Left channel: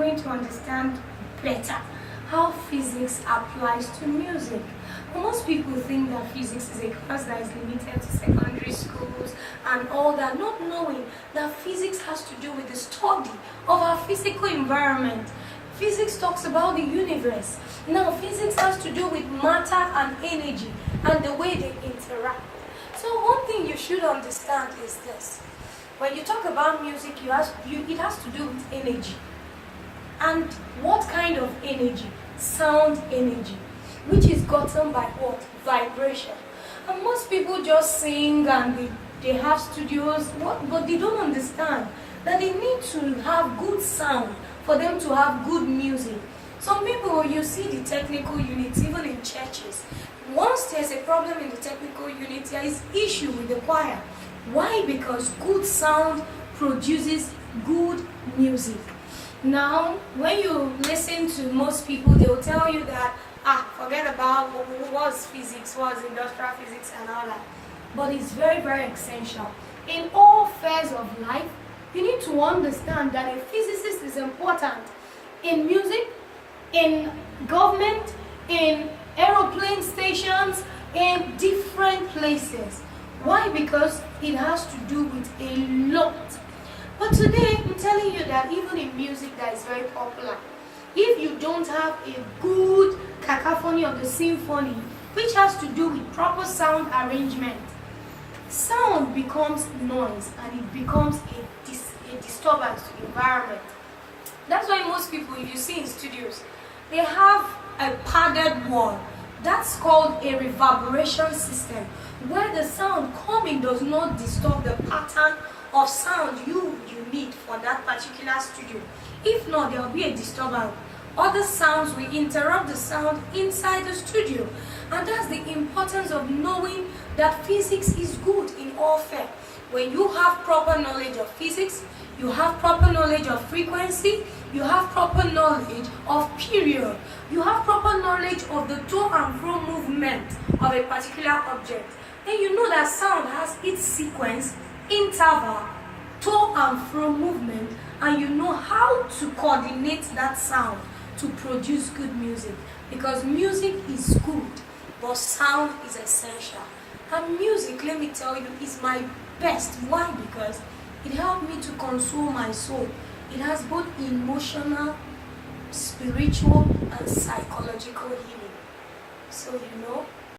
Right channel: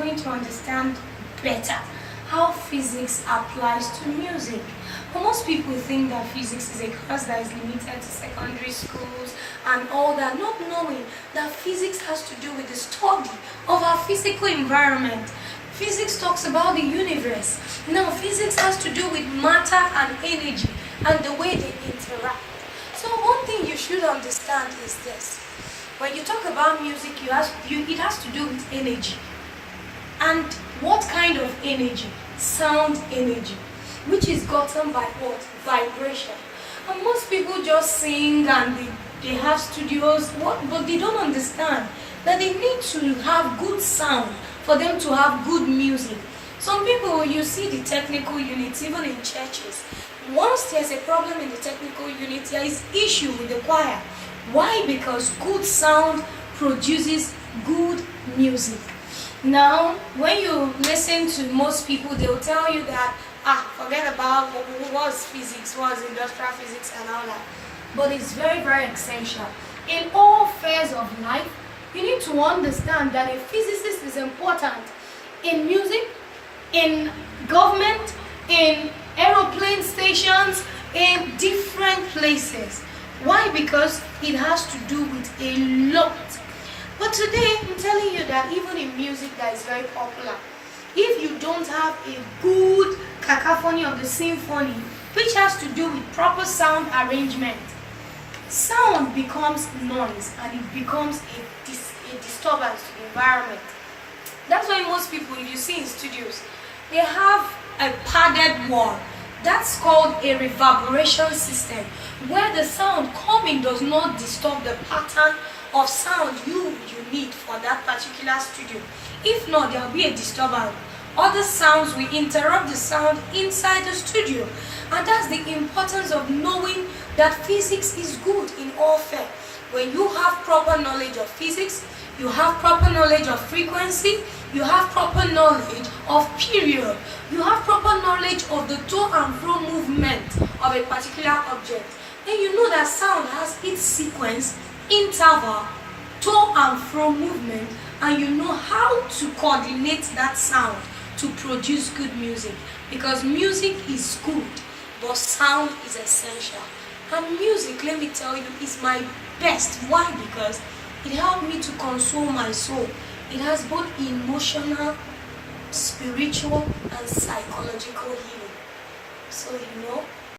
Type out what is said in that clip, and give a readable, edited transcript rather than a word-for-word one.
going to understand better how physics applies to music. But most people think that physics is a course that is limited to secondary schools and all that, not knowing that physics has to do with the study of our physical environment. Physics talks about the universe. Now, physics has to do with matter and energy and the way they interact. So one thing you should understand is this. When you talk about music, it has to do with energy. And what kind of energy? Sound energy, which is gotten by what? Vibration. And most people just sing and they have studios, but they don't understand that they need to have good sound for them to have good music. Some people, you see the technical units, even in churches, once there's a problem in the technical unit, there is issue with the choir. Why? Because good sound produces good music. Now, when you listen to most people, they will tell you that, forget about what's physics, what's industrial physics and all that. But it's very, very essential. In all spheres of life, you need to understand that a physicist is important in music, in government, in aeroplane stations, in different places. Why? Because it has to do with a lot. But today, I'm telling you that even in music that is very popular, if you don't have a good cacophony of the symphony, which has to do with proper sound arrangement, sound becomes noise and it becomes a disturbance to the environment. That's why most people, if you see in studios, they have a padded wall. That's called a reverberation system, where the sound coming does not disturb the pattern of sound you need for that particular studio. If not, there will be a disturbance. Other sounds will interrupt the sound inside the studio. And that's the importance of knowing that physics is good in all fair. When you have proper knowledge of physics, you have proper knowledge of frequency, you have proper knowledge of period, you have proper knowledge of the to and fro movement of a particular object, then you know that sound has its sequence, interval, to and fro movement, and you know how to coordinate that sound to produce good music. Because music is good, but sound is essential. And music, let me tell you, is my best. Why? Because it helped me to console my soul. It has both emotional, spiritual, and psychological healing. So,